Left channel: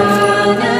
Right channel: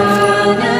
Hosanna.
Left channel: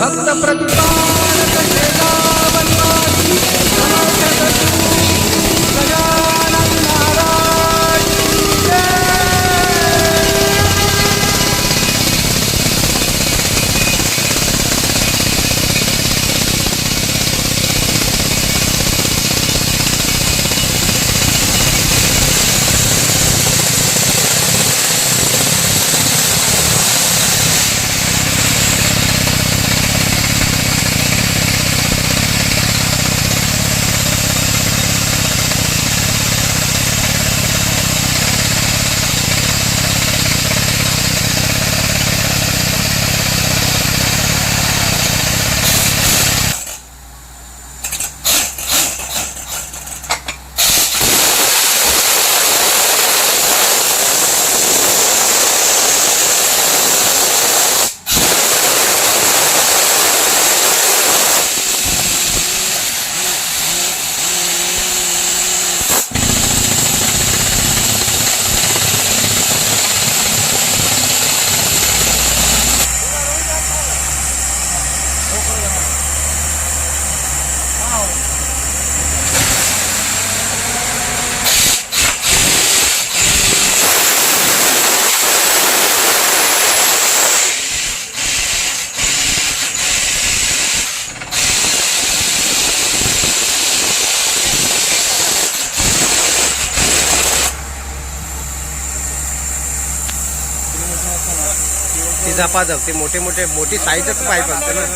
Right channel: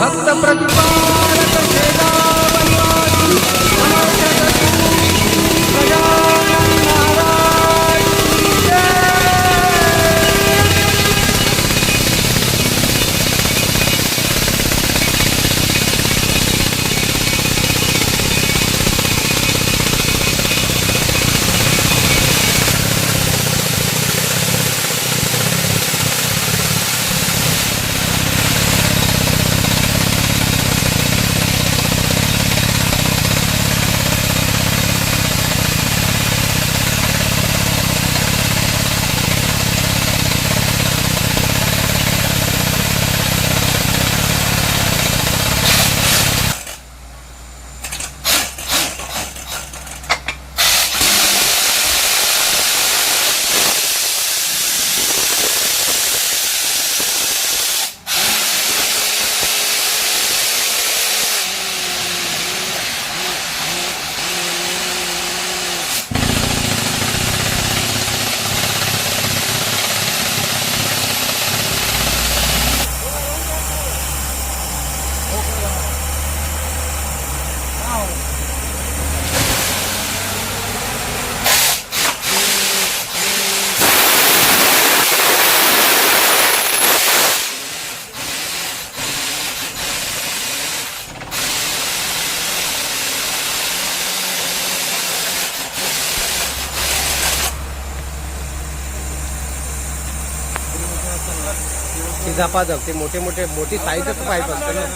భక్త ప్రతిపాదక झपाझप ते मोठे मोठे मोठी साईजच पाईप असतं ना.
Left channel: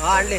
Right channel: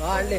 हा आणले.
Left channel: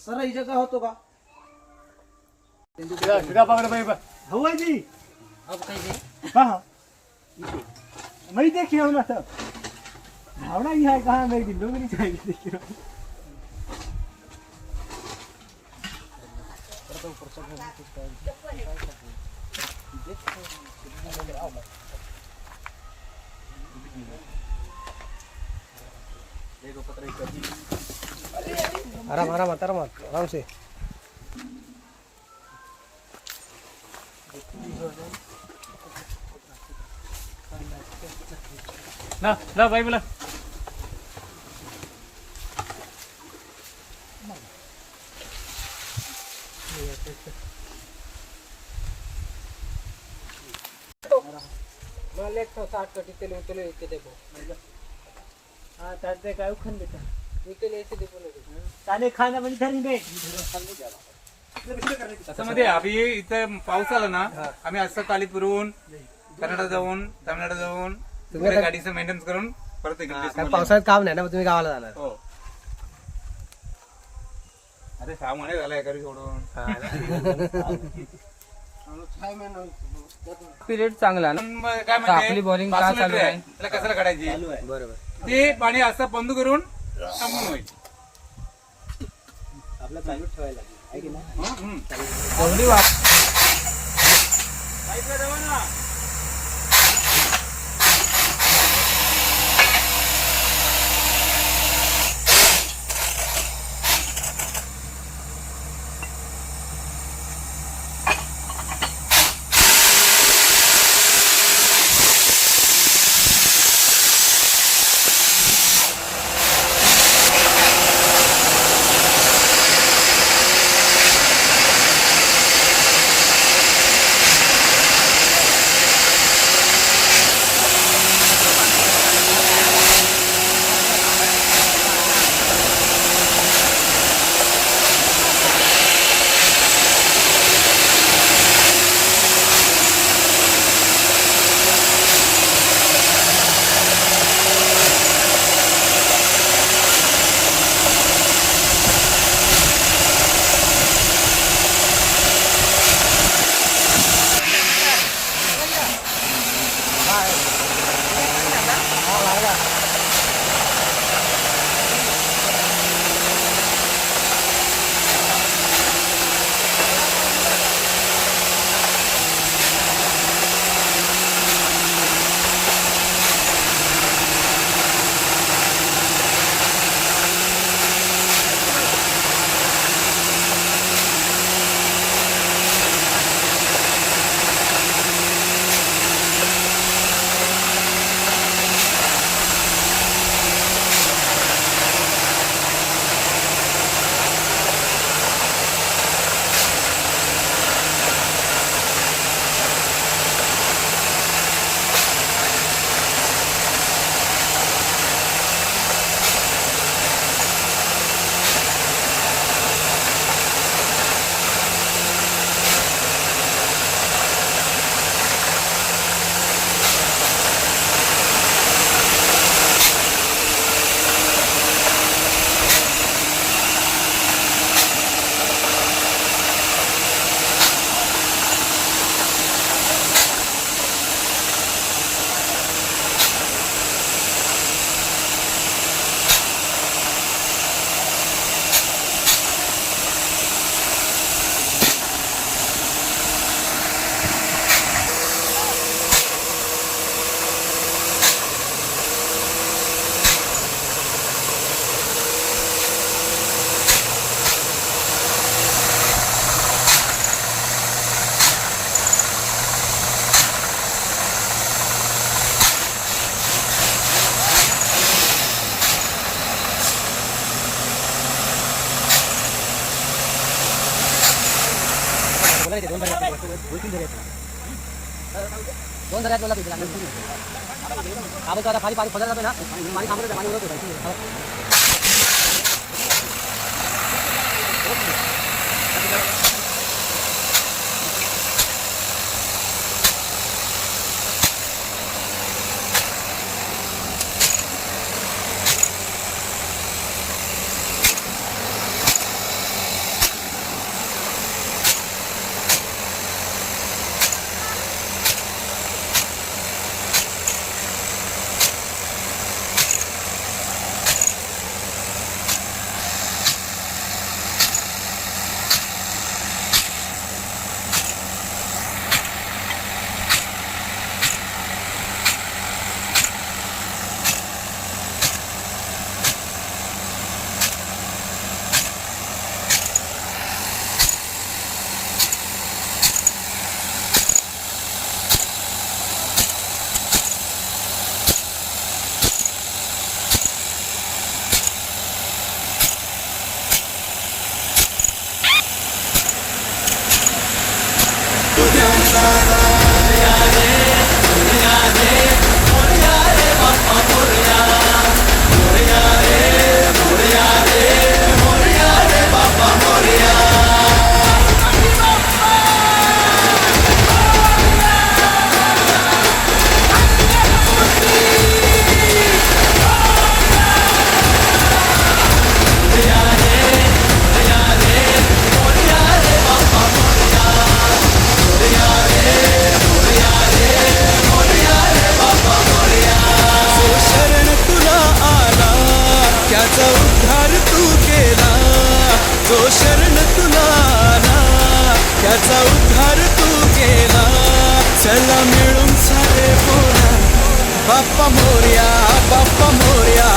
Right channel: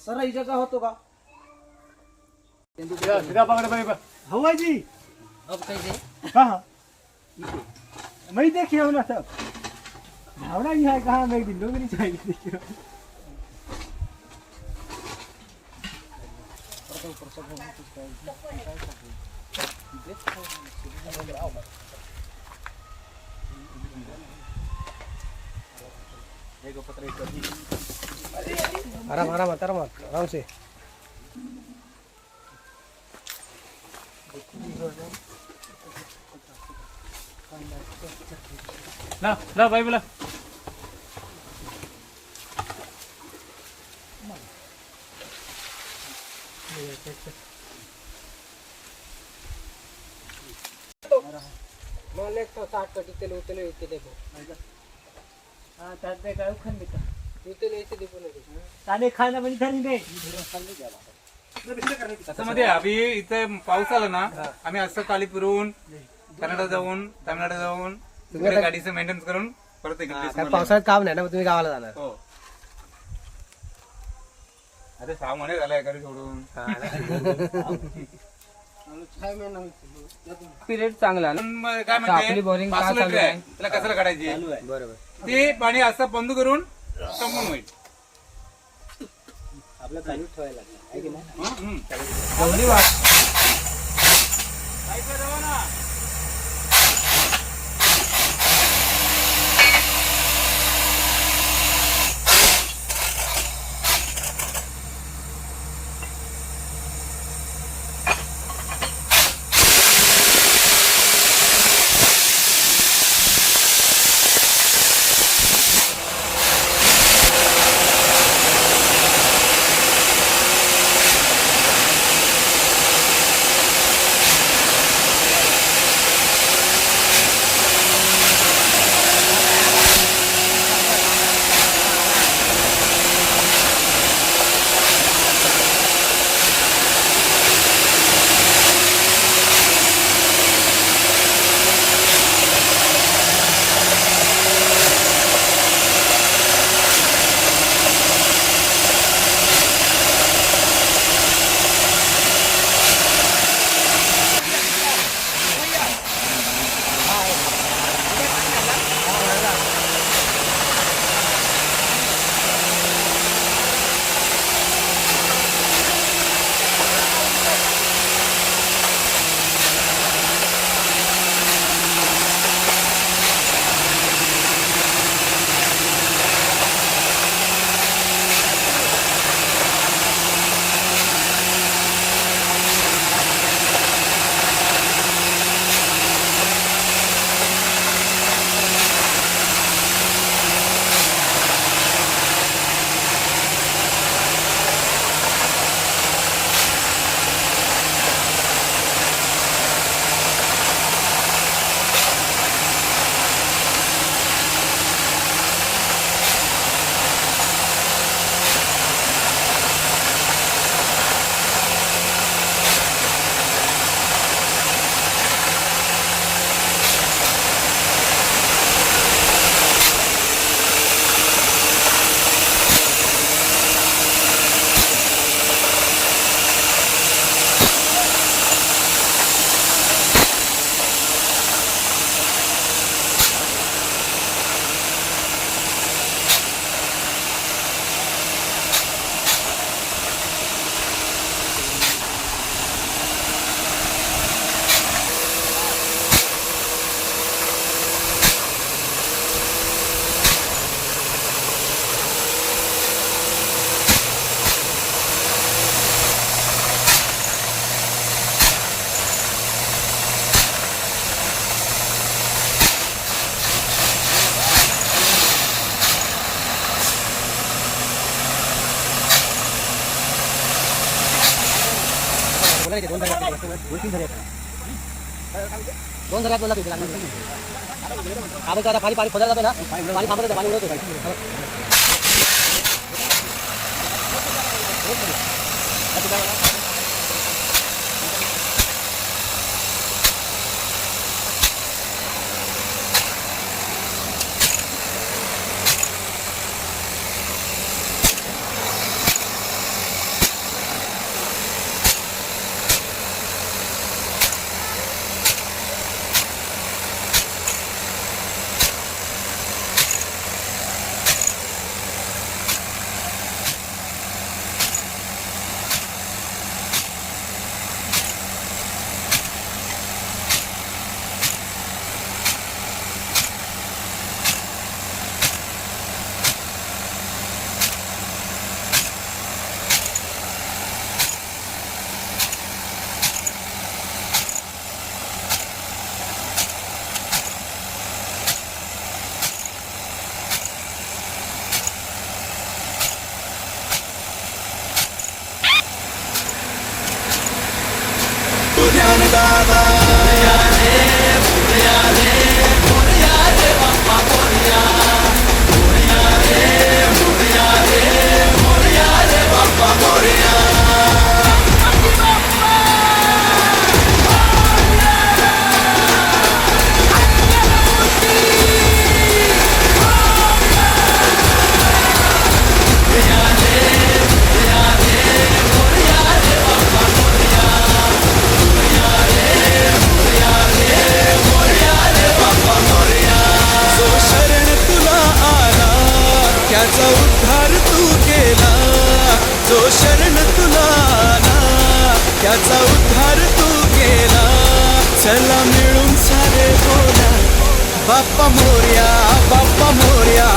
सर ही जगह होतो का? हवाजी अब कैसे हाँ मैं देखिए ना सब भावना ही. है कहाँ मैं दिन लोग नहीं चाहिए देखिए आराम आराम आराम आराम से ला ला भाई बोला ताने खाना म्हणजे आम्ही इथे पाऊस आला ना आम्ही असं चाली फिरून कन्नडा जाऊन तामिळनाडू जाऊन गाडीचं मेंटेनन्स करून परत इकडे काय डिसेंबरला पावसाळ्यात काम नाही ना तुम्ही गावाला जाणार. हो. अरे सहा महिने झाले एखादी सोडून. पिरियड चांगला ना? पण मग काय आपली म्हणजे bowling का पाच चालू मीटर आहे? आहे. त्याला कशाला काढायची बरोबर. ते पाणी असं बंद करून संपून होईल. हं, हं. पाईपला जावा ना. दोन जगात बोला तिथे लागणार आपण आता पाणी पाणी खोदायला जातो ना पाणी थांबत पाणी उडत होतं जो त्याचा उद्धार तू केला. जो शरण तुला आला त्याचा उद्धार तू केला. चला मिळून सारे बोला बाप्पा मोर्या बाप्पा मोर्या.